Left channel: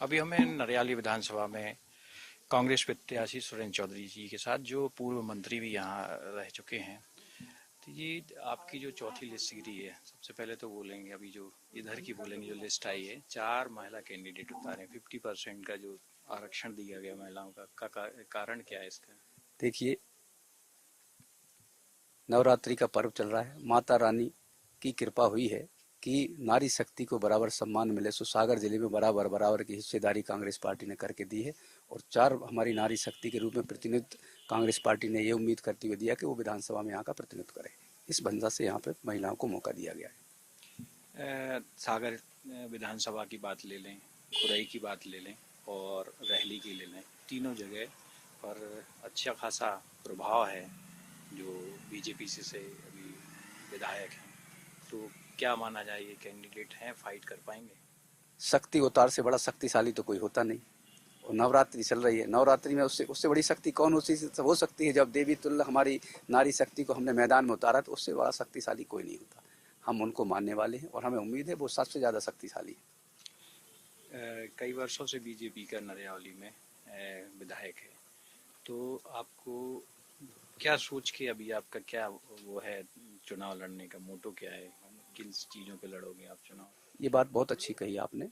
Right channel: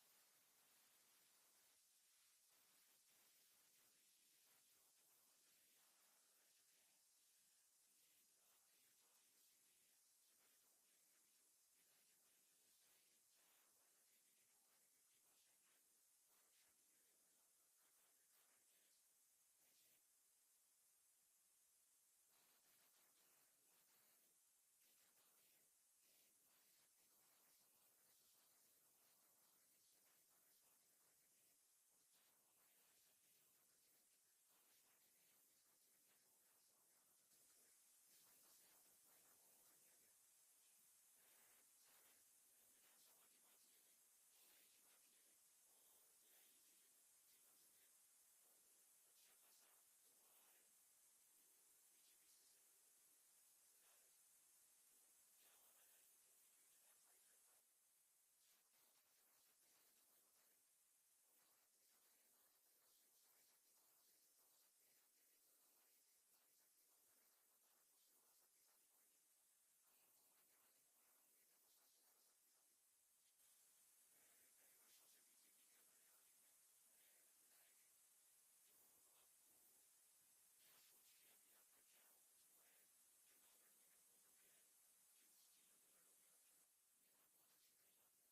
अभी हमें नरयाली विधानसभा में कांग्रेस प्रत्याशी सुरेंद्र चौधरी जी के साथ जो पूर्व मंत्री भी यहाँ रह चुके हैं। तो ये आपकी जो चौथी लिस्ट गिरी है, सबसे पहले तो बोलेंगे अभी जो इधर की बोलेंगे जो लिस्ट आई है, 4 महिला कैंडिडेट उतारे, 50% का जो आरक्षण दिया गया महिलाओं का कारण क्या है इसका? देखिए, नवरात्रि का पर्व चल रहा है। माता रानी की कृपा हुई है कि नारी शक्ति को बराबर सम्मान मिले। सो सागर जिले में बराबर बराबर की हिस्सेदारी कांग्रेस पार्टी ने करके दी है और 4 हमारी नारी शक्ति के रूप में प्रतिनिधित्व कांग्रेस पार्टी ने ये उम्मीद करते हुए दिया कि वो विधानसभा में यहाँ का प्रतिनिधित्व करे। इस वजह से यहाँ पे महिलाओं को मौका दिया गया है। सागर विधानसभा की बात ले लें, खुरई की बात ले लें और रहली की ले लें, तीनों जगह पर अच्छा खासा प्रभाव है जो बीजेपी से अभी विधायक हैं। तो क्या माना जाए, ये कैंडिडेट हैं, फाइट कर पाएंगे? शक्ति अवतार से बड़ा शक्तिशाली तो कोई होता नहीं। और नवरात्रि चल रही है, नवरात्रि में उससे उससे बड़ी शक्ति कौन हो सकती है? जब देवी तुल्य हमारी नारी शक्ति को हमने मैदान में उतारा तो उससे बड़ा शक्तिशाली कोई नहीं होता। हम उनको मानने वाले हैं और हमें उम्मीद है वो सबसे ज़्यादा शक्तिशाली है। कई वर्षों से बीजेपी का नरयावली में विधायक है, तो आपको क्या सोच के अभी आपका क्या वो है, चुनाव लड़ने का मोटो क्या है, किन चीज़ों पे लड़ोगे आप चुनाव? है। ये बात बहुत अच्छी कही आपने।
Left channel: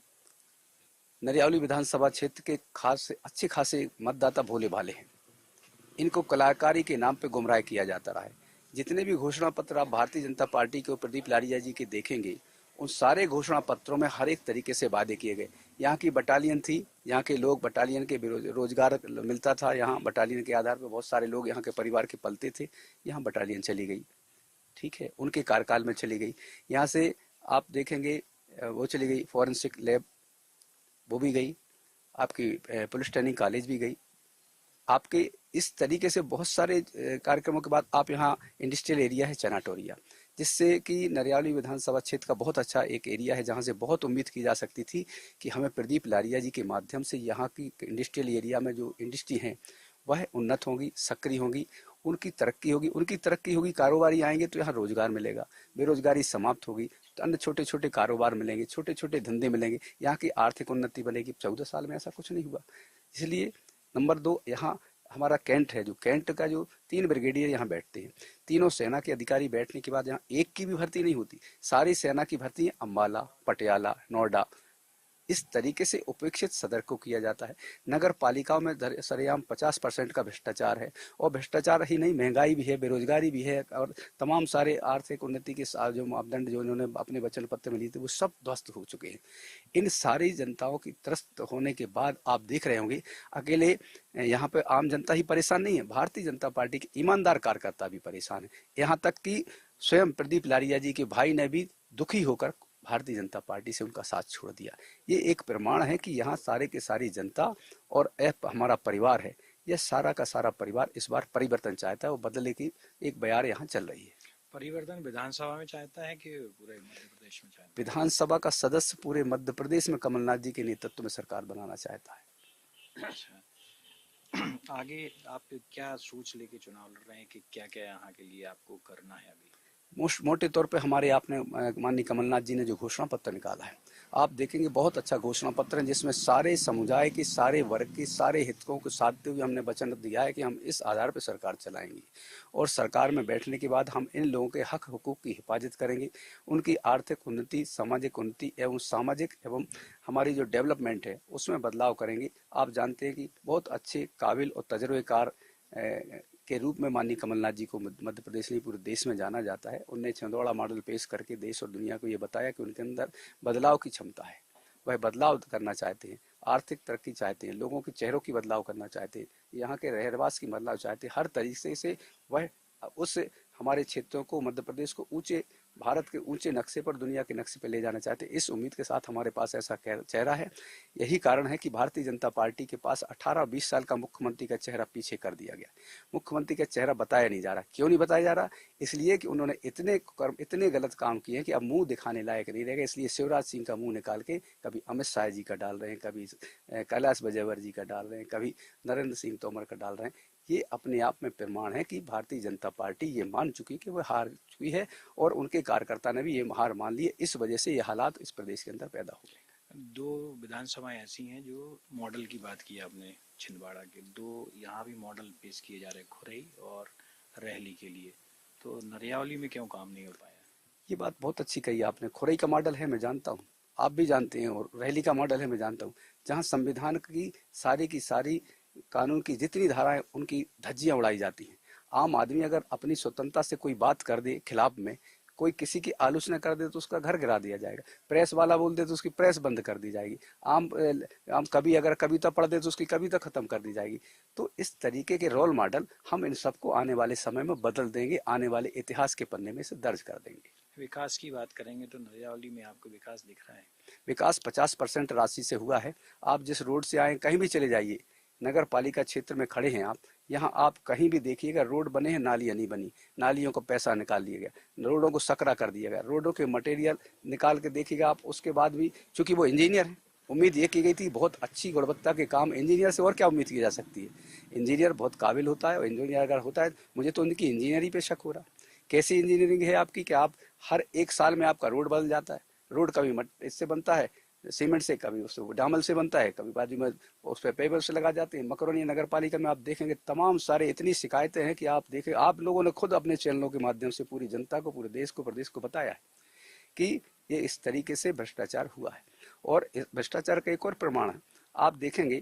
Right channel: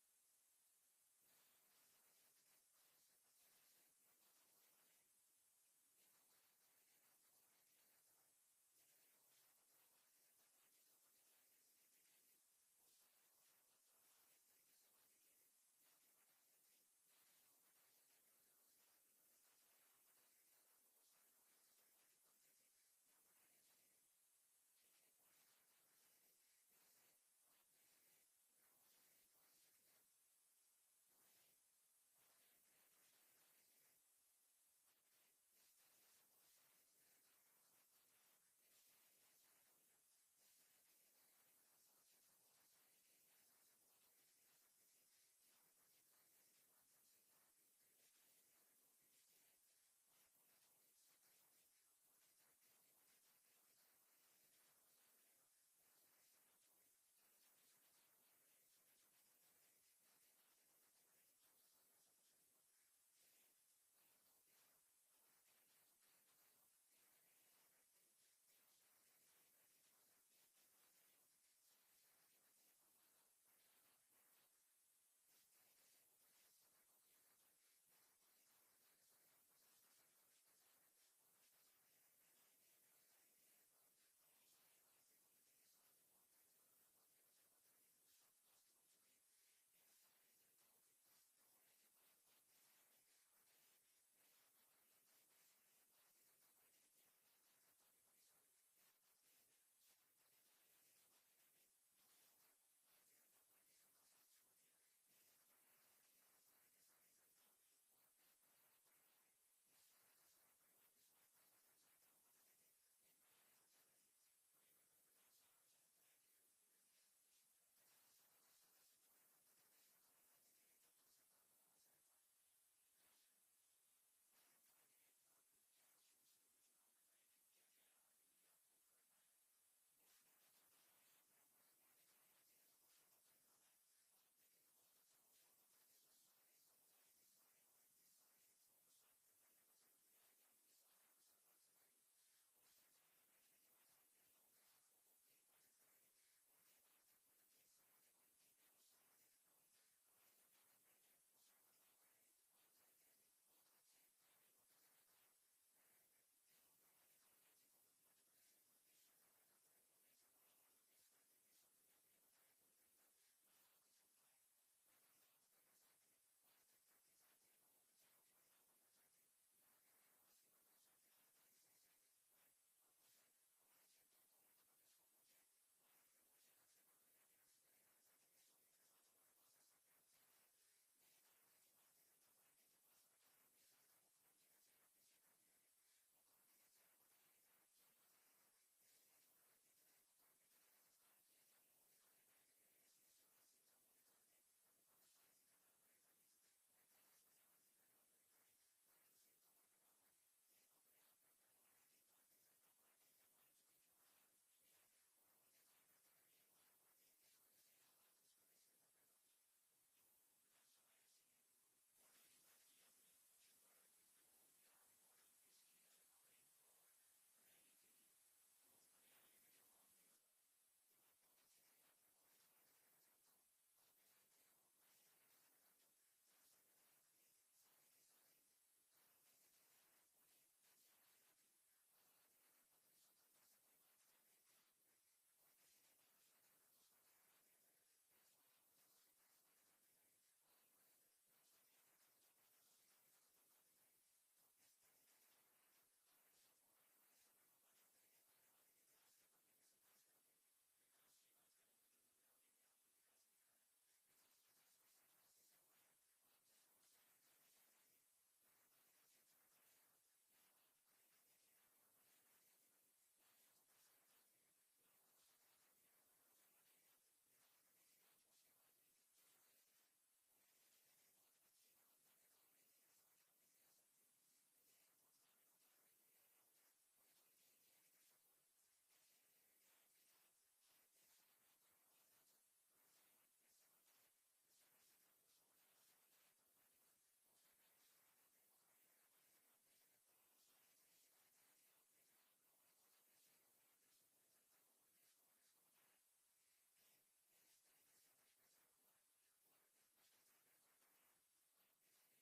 नरियावली विधानसभा क्षेत्र के खास अच्छे खासे मतदाता भोले भाले हैं। इनको कलाकारी के नाम पे गुमराह किया जाता रहा है। जितने भी घोषणा पत्र आप भारतीय जनता पार्टी के और प्रदीप लारिया जी के देखेंगे, उन सारे घोषणा पत्रों में हर एक तरीके से वादे किए गए। यहाँ की बटालियन थी, यहाँ के लोग बटालियन के रोजगार मिलता था, यहाँ बटालियन के आधार पर बहुत सारे लोग यहाँ के परिवार के पलते थे। यहाँ बटालियन चली गई, ठीक है, उनके कार्यकाल में चली गई। यहाँ से आप देखेंगे वो चली गई, फॉरेंसिक लैब वो भी गई, आपकी पुलिस ट्रेनिंग कॉलेज भी गई। आपके इस तरीके से बहुत सारे कार्यक्रमों के बाद आप यहाँ इंडस्ट्रियल एरिया है चनाटोरिया, जिससे कि नरियावली विधानसभा क्षेत्र का बहुत अच्छा एक एरिया है जहाँ से बहुत उम्मीद की जा सकती थी कि हमें प्रदीप लारिया जी के माध्यम से यहाँ की इंडस्ट्रियल एरिया में जो इंडस्ट्री है वह उन्नत होगी, सक्रिय होगी, उनकी तरक्की होगी, कारोबारी आएंगे तो यहाँ रोजगार मिलेगा, बेरोजगारी समाप्त होगी तो अन्य छोटे छोटे कारोबार मिलेंगे, छोटे छोटे धंधे मिलेंगे, यहाँ की आर्थिक उन्नति बनेगी। 14 साल में ऐसा कुछ नहीं हुआ। इसलिए नंबर 2, यहाँ हमारा कैंट है, जो कैंट का जो 3 ब्रिगेडियर यहाँ बैठते हैं, तीनों सेना के अधिकारी बैठने के बाद यहाँ एक की भी भर्ती नहीं होती, सारी सेना की भर्ती अम्बाला, पटियाला, नोएडा, इस तरीके से उपेक्षित सदर को किया जाता है। नगर पालिकाओं में सरेआम 50% का भ्रष्टाचार है और भ्रष्टाचार ही नहीं, महंगाई भी है, बेरोजगारी भी है और तमाम सारे आर्थिक उन्नति के जो मापदंड जो इन्होंने अपने वचन पत्र में लिए थे वो सब ध्वस्त हो चुके हैं। इन सारी जनताओं की त्रस्त होने के बाद आप देख रहे होंगे अकेले यहाँ पे आम जनता ही परेशान नहीं है, भारतीय जनता पार्टी के ईमानदार कार्यकर्ता भी परेशान है। यहाँ तक कि स्वयं प्रदीप लारिया जी के भाई ने भी दुखी होकर भारतीय जनता पार्टी से उनका साथ छोड़ दिया। ये एक प्रमाण है कि यहाँ सारे के सारी जनता और हमारा परिवार है, यह सारा का सारा परिवार इस बार परिवर्तन चाहता है, वो बदले की एक बयार यहाँ चल रही है। परिवर्तन विधानसभा में चाहता है कि पूरे मध्य प्रदेश में चाहता विधानसभा का सदस्य पूरे मध्य प्रदेश में कमलनाथ जी के नेतृत्व में सरकार बनाना चाहता है। है? अच्छा। आगे आप क्या सोच लेके चुनाव लड़ रहे हैं कि क्या क्या यहाँ के लिए आपको करना है अभी? मोटे तौर पे हमारे आपने माननीय कमलनाथ जी ने जो घोषणा पत्र निकाला है, आप देखेंगे बहुत अच्छा घोषणा पत्र है जिसमें सारे समुदाय की, सारे वर्ग की, सारे हितों को साधते हुए हमने वचन दिया है कि हम इस आधार पर सरकार चलाएंगे और सरकार में बैठने के बाद हम इन लोगों के हक हुकूक की हिफाजत करेंगे, उनकी आर्थिक उन्नति, सामाजिक उन्नति एवं सामाजिक एवं हमारी जो डेवलपमेंट है उसमें बदलाव करेंगे। आप जानते हैं कि बहुत अच्छे काबिल और तजुर्बेकार के रूप में माननीय कमलनाथ जी को मध्य प्रदेश नहीं पूरे देश में जाना जाता है। उन्होंने छिंदवाड़ा मॉडल पेश करके देश और दुनिया को ये बताया कि उनके अंदर बदलाव की क्षमता है, वह बदलाव करना चाहते हैं, आर्थिक तरक्की चाहते हैं, लोगों के चेहरों की बदलाव करना चाहते हैं, यहाँ के रहवास की बदलाव चाहते हैं। हर तरीके से वह उस हमारे क्षेत्रों को, मध्य प्रदेश को ऊंचे, भारत के ऊंचे नक्शे पर, दुनिया के नक्शे पर ले जाना चाहते हैं। इस उम्मीद के साथ हमारे पास ऐसा चेहरा है। यही कारण है कि भारतीय जनता पार्टी के पास 18-20 साल का मुख्यमंत्री का चेहरा पीछे कर दिया गया। मुख्यमंत्री का चेहरा बताया नहीं जा रहा। क्यों नहीं बताया जा रहा? इसलिए कि उन्होंने इतने गलत काम किए हैं कि अब मुंह दिखाने लायक नहीं रहेगा। इसलिए शिवराज सिंह का मुंह निकाल के कभी अमित शाह जी का डाल रहे हैं, कभी कैलाश विजयवर्गीय जी का डाल रहे हैं, कभी नरेंद्र सिंह तोमर का डाल रहे हैं। ये अपने आप में प्रमाण है कि भारतीय जनता पार्टी ये मान चुकी कि वह हार चुकी है और उनके कार्यकर्ता ने भी ये हार मान ली है। इस वजह से ये हालात इस प्रदेश के अंदर पैदा हो गए। दो विधानसभाएं ऐसी हैं जो मॉडल की बात की आपने, छिंदवाड़ा के दो यहाँ भी मॉडल पेश किए जा रहे हैं, खुरई और रहली के लिए। तो नरियावली में क्यों काम नहीं हो पाया? ये बात बहुत अच्छी कही आपने। खुरई का मॉडल है, मैं जानता हूँ, आप भी जानते हैं, और रैली का मॉडल है, मैं जानता हूँ, जहाँ संविधान की सारी कानून की जितनी धाराएं उनकी धज्जियां उड़ाई जाती हैं। आम आदमी अगर अपनी स्वतंत्रता से कोई बात कर दे खिलाफ में, कोई किसी की आलोचना कर दे तो उसका घर गिरा दिया जाएगा, प्रेस वाला बोल दे तो उसकी प्रेस बंद कर दी जाएगी, आम कवि अगर कविता पढ़ दे तो उसकी कविता खत्म कर दी जाएगी। तो इस तरीके के रोल मॉडल हम इन सबको आने वाले समय में बदल देंगे, आने वाले इतिहास के पन्ने में से दर्ज कर देंगे। विकास की बात करेंगे तो नरियावली में आपको विकास दिख रहा है? विकास 50% राशि से हुआ है। आप जिस रोड से आए, कहीं भी चले जाइए, नगर पालिका क्षेत्र में खड़े हैं आप, यहाँ आप कहीं भी देखिएगा रोड बने हैं, नालियाँ नहीं बनी, नालियों को पैसा निकाल लिया गया, रोडों को सकरा कर दिया गया, रोडों के मटेरियल निकाल के देखिएगा आप। उसके बाद भी चूंकि वो इंजीनियर है, उम्मीद ये की गई थी बहुत अच्छी गुणवत्ता के काम, इंजीनियर से और क्या उम्मीद की जा सकती है। इंजीनियर बहुत काबिल होता है, और इंजीनियर अगर होता है, मुझे तो उनकी इंजीनियरिंग पे शक हो रहा। कैसी इंजीनियरिंग है आपकी कि आप हर एक साल में आपका रोड बदल जाता है। रोड कभी इससे बनता है सीमेंट से, कभी उससे डामल से बनता है, कभी बाजू में उस पर पेपर से लगा जाते हैं। मकरोनी नगर पालिका में आप देखेंगे तमाम सारे इतनी शिकायतें हैं कि आप देखें, आप लोगों ने खुद अपने चैनलों के माध्यम से पूरी जनता को, पूरे देश को, प्रदेश को बताया है कि ये इस तरीके से भ्रष्टाचार हुआ है। और इस भ्रष्टाचार का एक और प्रमाण है, आप देखेंगे,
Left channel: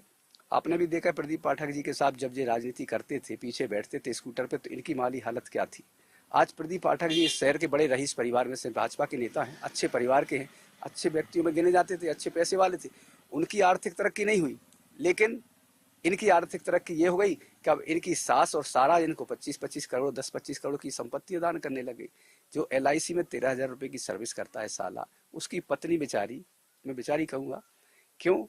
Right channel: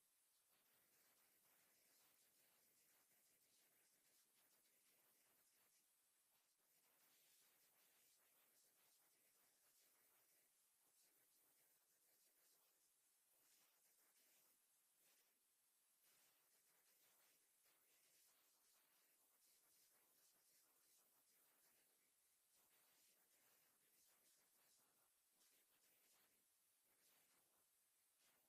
आपने भी देखा प्रदीप पाठक जी के साथ जब ये राजनीति करते थे, पीछे बैठते थे स्कूटर पे, तो इनकी माली हालत क्या थी। आज प्रदीप पाठक जी इस शहर के बड़े रईस परिवार में से भाजपा के नेता हैं, अच्छे परिवार के हैं, अच्छे व्यक्तियों में गिने जाते थे, अच्छे पैसे वाले थे। उनकी आर्थिक तरक्की नहीं हुई, लेकिन इनकी आर्थिक तरक्की ये हो गई कि अब इनकी सास और सारा इनको 25-25 करोड़ 10-25 करोड़ की संपत्ति दान करने लगे। जो LIC में 13,000 रुपए की सर्विस करता है साला, उसकी पत्नी बेचारी, मैं बेचारी कहूँगा, क्यों?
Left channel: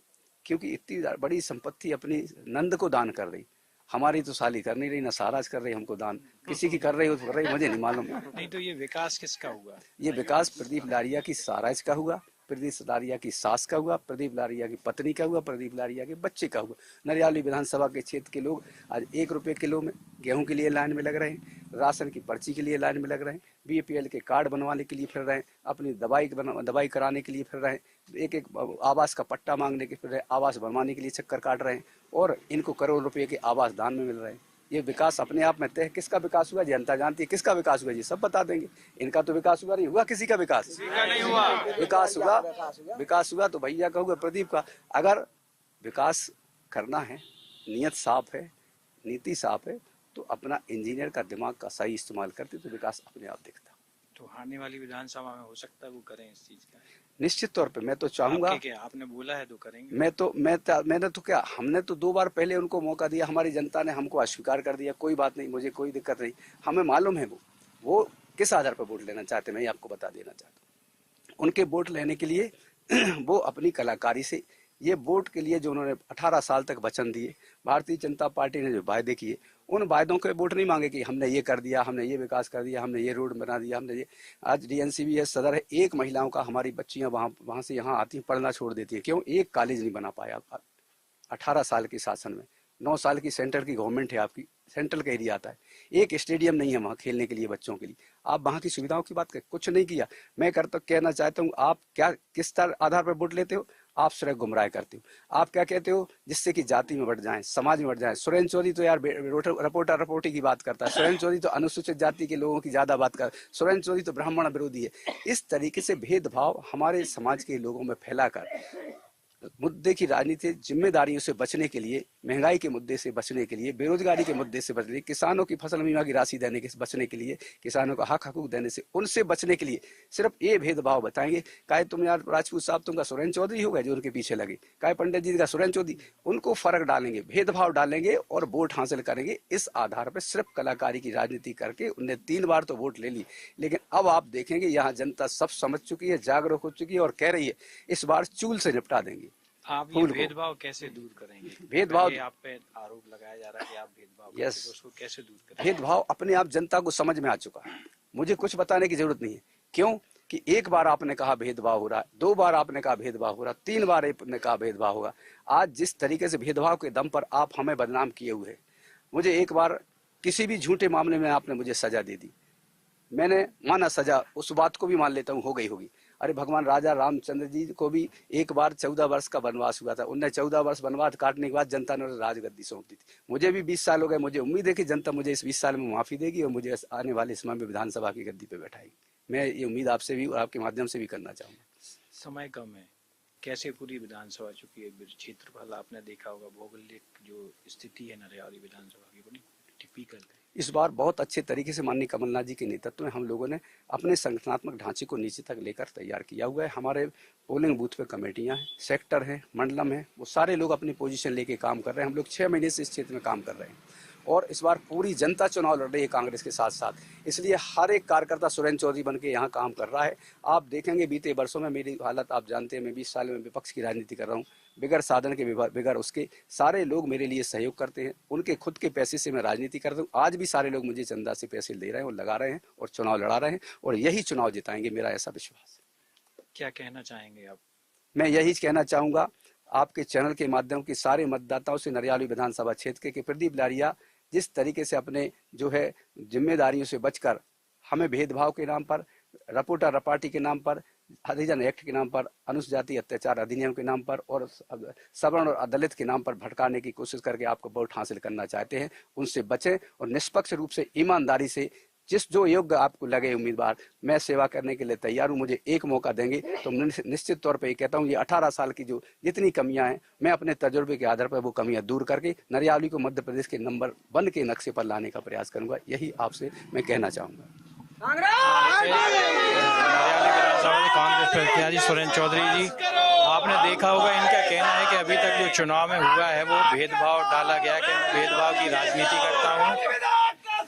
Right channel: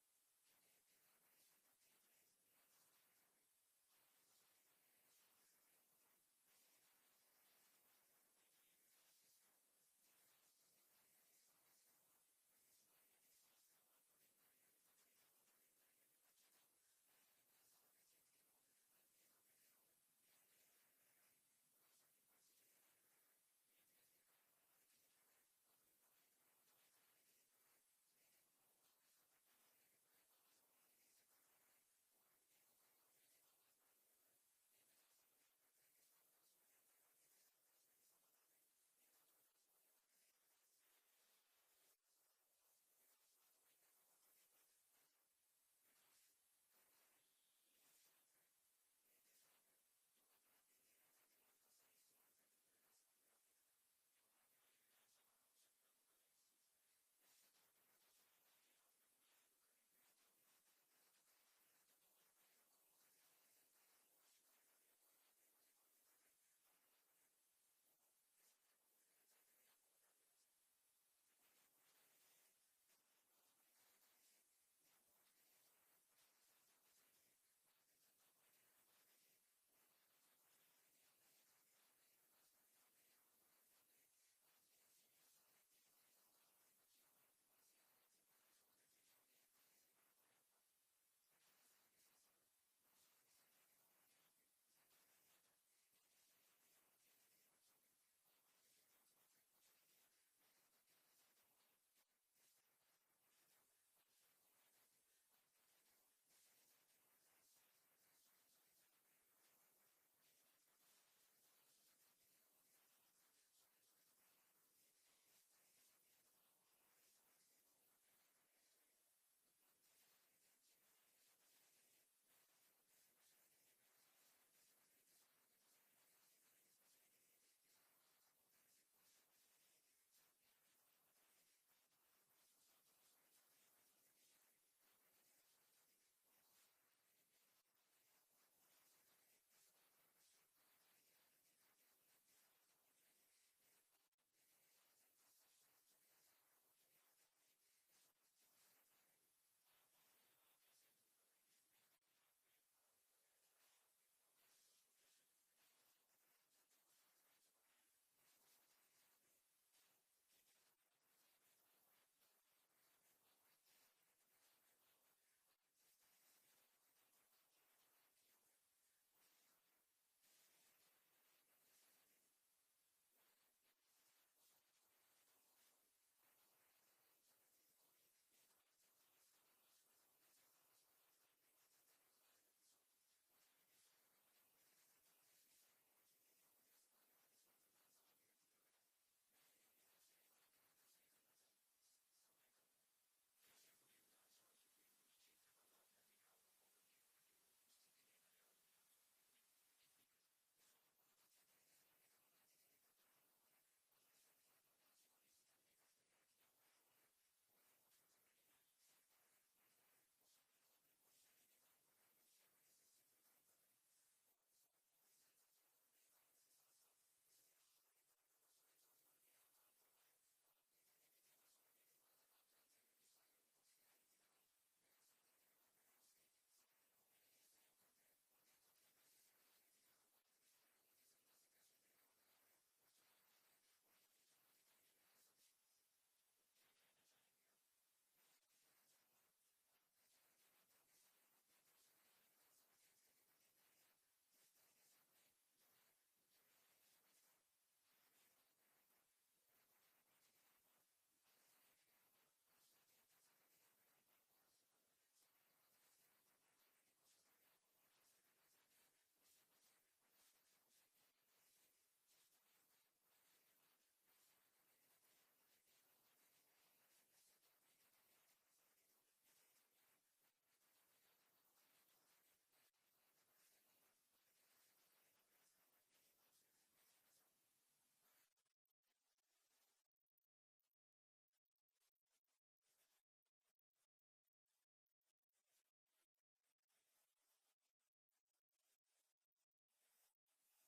क्योंकि इतनी बड़ी संपत्ति अपनी नंद को दान कर रही। हमारी तो साली कर नहीं रही, ना साराज कर रही हमको दान, किसी की कर रही हो तो कर रही, मुझे नहीं मालूम। नहीं तो ये विकास किसका हुआ? ये विकास प्रदीप लारिया की साराज का हुआ, प्रदीप लारिया की सास का हुआ, प्रदीप लारिया की पत्नी का हुआ, प्रदीप लारिया के बच्चे का हुआ। नरियावली विधानसभा के क्षेत्र के लोग आज 1 रुपये किलो में गेहूं के लिए लाइन में लग रहे हैं, राशन की पर्ची के लिए लाइन में लग रहे हैं, BPL के कार्ड बनवाने के लिए फिर रहे हैं, अपनी दवाई कराने के लिए फिर रहे हैं, एक आवास का पट्टा मांगने के फिर रहे, आवास बनवाने के लिए चक्कर काट रहे हैं, और इनको करोड़ रुपये के आवास दान में मिल रहे हैं। ये विकास अपने आप में तय, किसका विकास हुआ जनता जानती है, किसका विकास हुआ जी सब बता देंगे। इनका तो विकास हुआ नहीं, हुआ किसी का विकास नहीं हुआ। विकास हुआ तो भैया का हुआ, प्रदीप का। अगर विकास करना है, नियत साफ है, नीति साफ है, तो अपना इंजीनियर का दिमाग का सही इस्तेमाल करते तो विकास अपने आप दिखता। तो आने वाली विधानसभा में हो सकता है वो करें इस चीज का? निश्चित तौर पे मैं तो चाहूंगा। क्या आपने बोला है तो करेंगे? मैंने तो क्या, हमने तो 2 बार पहले उनको मौका दिया, हमारी जनता ने हमको अस्वीकार कर दिया। कोई बात नहीं, मुझे कोई दिक्कत नहीं, हमें मालूम है वो किस आधार पर वोट लेना चाहते, मैं आपको बता देना चाहता हूँ। उनके वोट लेने के लिए वो अपनी कलाकारी से, ये वोट के लिए जो उन्होंने 18 साल तक वचन दिए, भारतीय जनता पार्टी ने जो वायदे किए, उन वायदों के वोट नहीं मांगे कि हमने ये कर दिया, हमने ये विकास कर दिया, हमने ये रोड बना दिया, हमने ये। आज DNCBS सदर है, एक महिलाओं का, हमारी बच्चियां वहाँ से यहाँ आती हैं, पढ़ना छोड़ देती है, क्यों? एक कॉलेज नहीं बना पाया 18 साल के शासन में। 9 साल की सेंटर की गवर्नमेंट है आपकी, सेंट्रल का एरिया आता है, एक स्टेडियम नहीं है वहाँ खेलने के लिए बच्चों के लिए। आप वहाँ की सुविधाओं की बात करें, कुछ नहीं किया। मैं कहना चाहता हूँ, आप क्या किस आधार पर वोट लेते हो? आप सिर्फ गुमराह करते हो। आप क्या कहते हो? जिससे कि जाति में बढ़ जाए, समाज में बढ़ जाए। सुरेंद्र चौधरी तो यार रिपोर्टी की बात करता है, सुरेंद्र चौधरी तो अनुसूचित जाति के लोगों की ज्यादा बात कर, सुरेंद्र चौधरी तो ब्राह्मण विरोधी है। इस तरीके से भेदभाव हमारे समाज के लोगों में फैलाकर मुद्दे की राजनीति, जिम्मेदारियों से बचने के लिए, महंगाई के मुद्दे से बचने के लिए, बेरोजगारी के मुद्दे से बचने, किसानों की फसल बीमा की राशि देने के बचने के लिए, किसानों का हक हकूक देने से, उनसे बचने के लिए सिर्फ ये भेदभाव बताएंगे। काहे तुम यार राजपूत साहब तुमका सुरेंद्र चौधरी हो गए जो उनके पीछे लगे, काहे पंडित जी का सुरेंद्र चौधरी, उनको फर्क डालेंगे, भेदभाव डालेंगे और वोट हासिल करेंगे। इस आधार पर सिर्फ कलाकारी की राजनीति करके उनने 3 बार तो वोट ले ली, लेकिन अब आप देखेंगे यहाँ जनता सब समझ चुकी है, जागरूक हो चुकी है और कह रही है इस बार चूल से निपटा देंगे। आप ये भेदभाव कैसे दूर करेंगे? भेदभाव, आप पे आरोप लगाया जा रहा है कि आप भेदभाव, यस, उसको कैसे दूर करेंगे? भेदभाव अपने आप जनता को समझ में आ चुका है, मुझे कुछ बताने की जरूरत नहीं है। क्यों कि 1 बार आपने कहा भेदभाव हो रहा है, 2 बार आपने कहा भेदभाव हो रहा, 3 बार आपने कहा भेदभाव होगा। आज जिस तरीके से भेदभाव के दम पर आप हमें बदनाम किए हुए हैं, मुझे 1 बार किसी भी झूठे मामले में आपने मुझे सजा दे दी, मैंने माना सजा, उस बात को भी मान लेता हूँ हो गई होगी। अरे भगवान राजा रामचंद्र जी को भी एक बार 14 वर्ष का वनवास हुआ था, उन्हें 14 वर्ष वनवास काटने के बाद जनता ने राजगद्दी सौंप दी थी। मुझे भी 20 साल हो गए, मुझे उम्मीद है कि जनता मुझे इस 20 साल में माफी देगी और मुझे आने वाले समय में विधानसभा की गद्दी पे बैठाएगी। मैं ये उम्मीद आपसे भी और आपके माध्यम से भी करना चाहूंगा। समय कम है, कैसे पूरी विधानसभा, चूंकि क्षेत्रफल आपने देखा होगा, भौगोलिक जो स्थिति है नरियावली विधानसभा की बड़ी टिपिकल है। इस बार बहुत अच्छे तरीके से माननीय कमलनाथ जी के नेतृत्व में हम लोगों ने अपने संगठनात्मक ढांचे को नीचे तक लेकर तैयार किया हुआ है। हमारे पोलिंग बूथ पे कमेटियां हैं, सेक्टर हैं, मंडलम है, वो सारे लोग अपनी पोजीशन लेके काम कर रहे हैं। हम लोग 6 महीने से इस क्षेत्र में काम कर रहे हैं और इस बार पूरी जनता चुनाव लड़ रही है कांग्रेस के साथ साथ, इसलिए हर एक कार्यकर्ता सुरेंद्र चौधरी बन के यहाँ काम कर रहा है। आप देखेंगे बीते वर्षों में मेरी हालत आप जानते हैं, मैं 20 साल में विपक्ष की राजनीति कर रहा हूँ, बिगड़ साधन के बिगड़ उसके सारे लोग मेरे लिए सहयोग करते हैं, उनके खुद के पैसे से मैं राजनीति करता हूँ। आज भी सारे लोग मुझे चंदा से पैसे दे रहे हैं और लगा रहे हैं और चुनाव लड़ा रहे हैं और यही चुनाव जिताएंगे, मेरा ऐसा विश्वास है। क्या कहना चाहेंगे आप? मैं यही कहना चाहूँगा आपके चैनल के माध्यम के सारे मतदाताओं से, नरियावली विधानसभा क्षेत्र के प्रदीप लारिया जिस तरीके से अपने जो है जिम्मेदारियों से बचकर हमें भेदभाव के नाम पर, रपोटा रपाटी के नाम पर, हरिजन एक्ट के नाम पर, अनुसूचित जाति अत्याचार अधिनियम के नाम पर और सवर्ण और दलित के नाम पर भटकाने की कोशिश करके आपको वोट हासिल करना चाहते हैं, उनसे बचें और निष्पक्ष रूप से ईमानदारी से जिस जो योग्य आपको लगे उम्मीदवार, मैं सेवा करने के लिए तैयार हूँ। मुझे एक मौका देंगे तो निश्चित तौर पे ये कहता हूँ, ये 18 साल की जो जितनी कमियां हैं, मैं अपने तजुर्बे के आधार पर वो कमियां दूर करके नरियावली को मध्य प्रदेश के नंबर 1 के नक्शे पर लाने का प्रयास करूंगा। यही आपसे मैं कहना चाहूंगा। कांग्रेस प्रत्याशी सुरेंद्र चौधरी जी, आपने देखा होगा, इनका कहना है कि अभी तक जो चुनाव में हुआ है वो भेदभाव डाला गया कि मैं भेदभाव की राजनीति करता हूँ।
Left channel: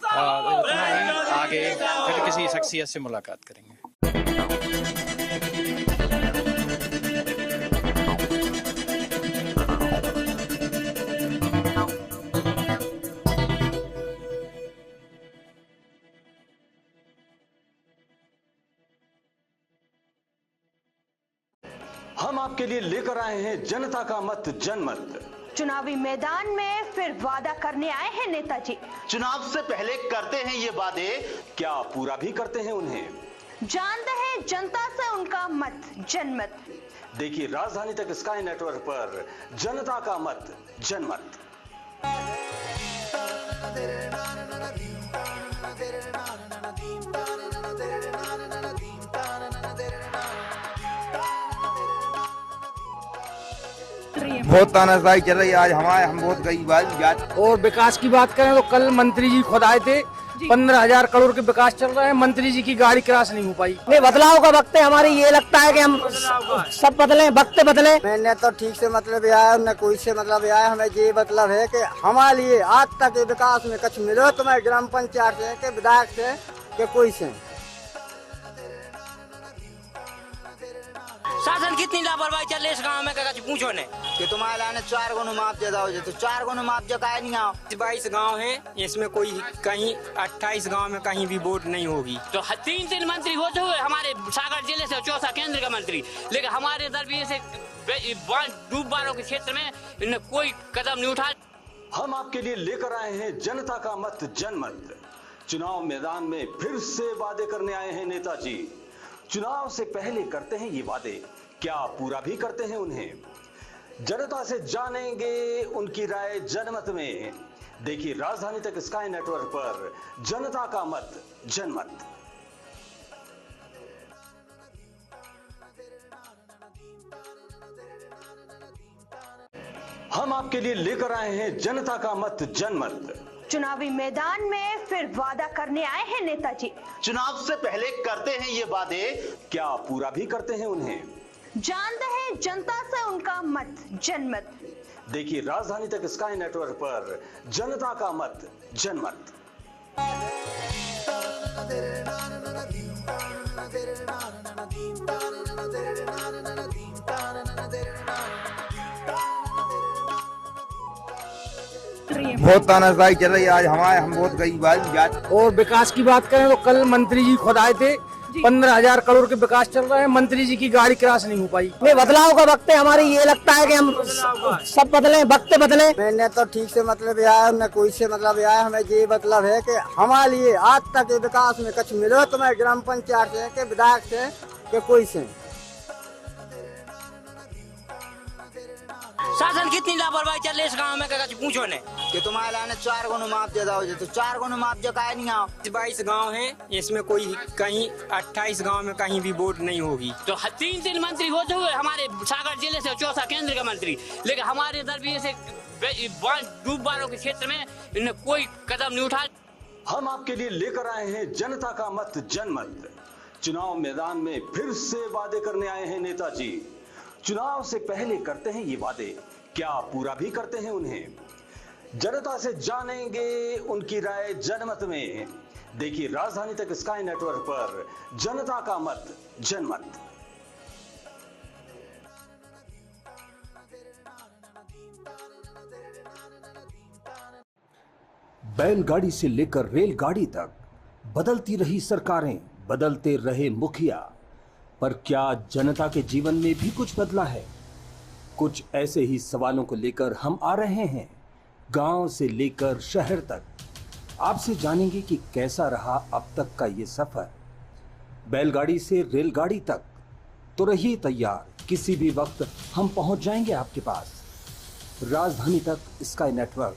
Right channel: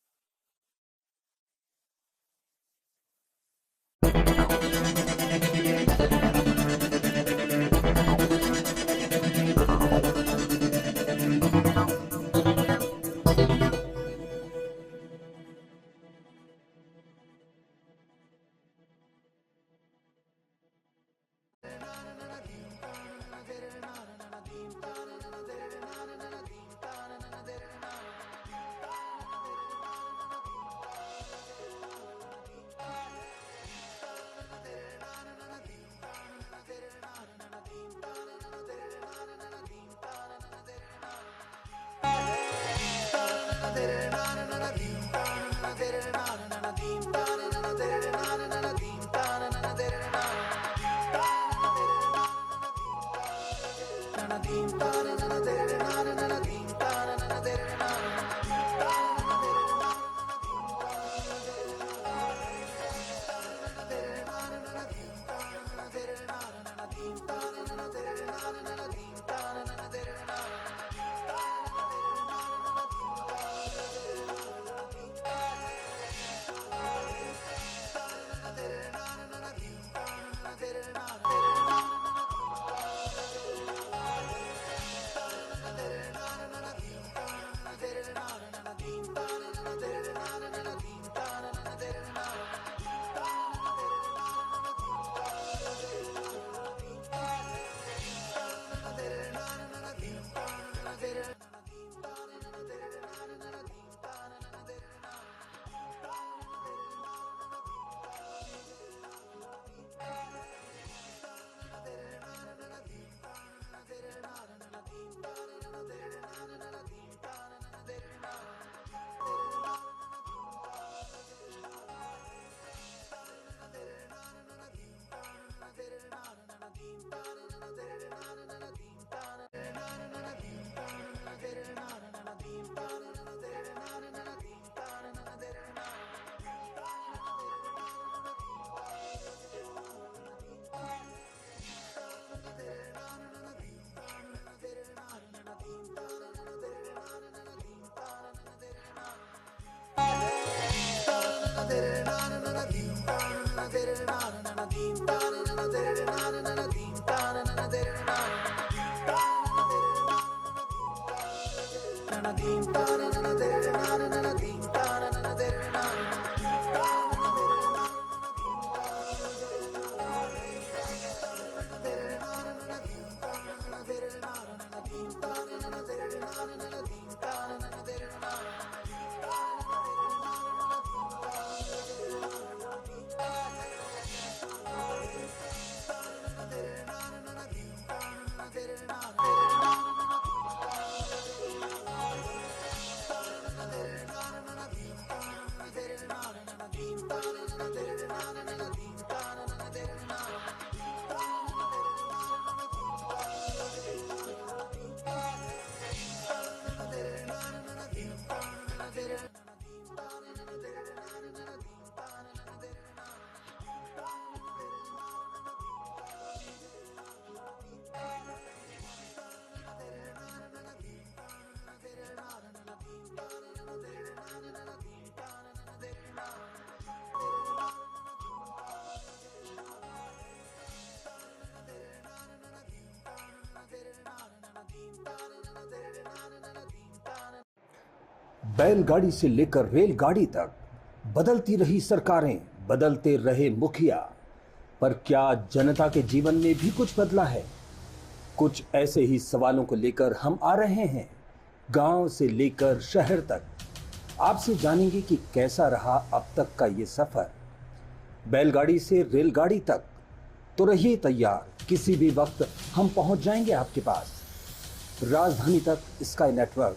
इतना ही, आगे फिर किसी शख्सियत से मुलाकात करेंगे। हम आपके लिए लेकर आए हैं जनता का मत जनमत। चुनावी मैदान में फिर वादा करने आए हैं नेताजी। चुनाव से पहले करते हैं ये वादे, क्या पूरा भी करते हैं उन्हें? जानते हैं जनता से उनका मत जनमत। देखिए राजधानी तक स्काई नेटवर्क पर जनता का मत जनमत। बहुत तानाशाही चल रही है आज हमारे, हम बहुत गरीब आदमी। और विकास की बात करें तो कल मंत्री जी खुद आए थे, 15,000 करोड़ के विकास चल रहा है, मंत्री जी की गाड़ी क्रॉस नहीं हो पाई। नहीं, बदलाव का वक्त है, हमारी ये लगता है कि हम सब बदले, वक्त बदले। मैंने तो ठीक से मतलब आया, न कोई से मतलब आया, हमें ये मतलब है कि हमारे लिए आज तक विकास में कुछ मिलो तो मैं ग्राम पंचायत से के विधायक से के कोई से। शासन कितनी लापरवाही चल रही है इस गाँव में, पूछो ने कि तुम्हारे आने 4 गुना मुआवजा दो, तो 4 गुना मुआवजा का नहीं आओ। 22 गांव है, इसमें कोई कहीं 28 गांव में कहीं भी वोट नहीं होगी। तो 3 मंत्री होते हुए हमारे सागर जिले से चौथा केंद्र का मंत्री, लेकिन हमारे दरबार से डूब वालों के क्षेत्र में इन्हें कोई कदम नहीं उठा। हम आपके लिए लेकर आए हैं जनता का मत जनमत। चुनाव मैदान में फिर से वादे करने आए हैं नेताजी। चुनाव से पहले करते हैं ये वादे, क्या पूरा भी करते हैं उन्हें? जनता से जानेंगे उनकी राय जनमत में। देखिए राजधानी तक स्काई नेटवर्क पर जनता का मत जनमत। हम आपके लिए लेकर आए हैं जनता का मत जनमत। चुनावी मैदान में फिर वादा करने आए हैं नेताजी। चुनाव से पहले करते हैं ये वादे, क्या पूरा भी करते हैं उन्हें? जानते हैं जनता से उनका मत जनमत। देखिए राजधानी तक स्काई नेटवर्क पर जनता का मत जनमत। बहुत तानाशाही चल रही है आज हमारे, हम बहुत गरीब आदमी। और विकास की बात करें तो कल मंत्री जी खुद आए थे, 15,000 करोड़ के विकास चल रहा है, मंत्री जी की गाड़ी क्रॉस नहीं हो पाई। नहीं, बदलाव का वक्त है, हमारी ये लगता है कि हम सब बदले, वक्त बदले। मैंने तो ठीक से मतलब आया, न कोई से मतलब आया, हमें ये मतलब है कि हमारे लिए आज तक विकास में कुछ मिलो तो मैं ग्राम पंचायत से के विधायक से कि कोई से। शासन कितनी लापरवाही चल रही है इस गांव में, कुछ पूछो नहीं। कि तुम्हारे लाने 4 गुना माफ दे दो, तो 4 गुना माफ जो का नहीं आओ। 22 गांव है, इसमें कोई कहीं 28 गांव में कहीं भी वोट नहीं होगी। तो 3 मंत्री होते हुए हमारे सागर जिले से चौथा केंद्र का मंत्री, लेकिन हमारे इधर भी ऐसे डूब बारों के क्षेत्र में इन्हें कोई कदम नहीं उठाया। हम आपके लिए लेकर आए हैं जनता का मत जनमत। चुनाव मैदान में फिर से वादे करने आए हैं नेताजी। चुनाव से पहले करते हैं ये वादे, क्या पूरा भी करते हैं उन्हें? जनता से जानेंगे उनकी राय जनमत में। देखिए राजधानी तक स्काई नेटवर्क पर जनता का मत जनमत। बैलगाड़ी से लेकर रेलगाड़ी तक बदलती रही सरकारें, बदलते रहे मुखिया, पर क्या जनता के जीवन में भी कुछ बदला है? कुछ ऐसे ही सवालों को लेकर हम आ रहे हैं गांव से लेकर शहर तक। आपसे जानेंगे कि कैसा रहा अब तक का ये सफर, बैलगाड़ी से रेलगाड़ी तक। तो रहिए तैयार, किसी भी वक्त हम पहुंच जाएंगे आपके पास। राजधानी तक स्काई नेटवर्क,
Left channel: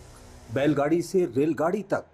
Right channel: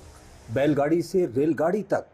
बैलगाड़ी से रेलगाड़ी तक।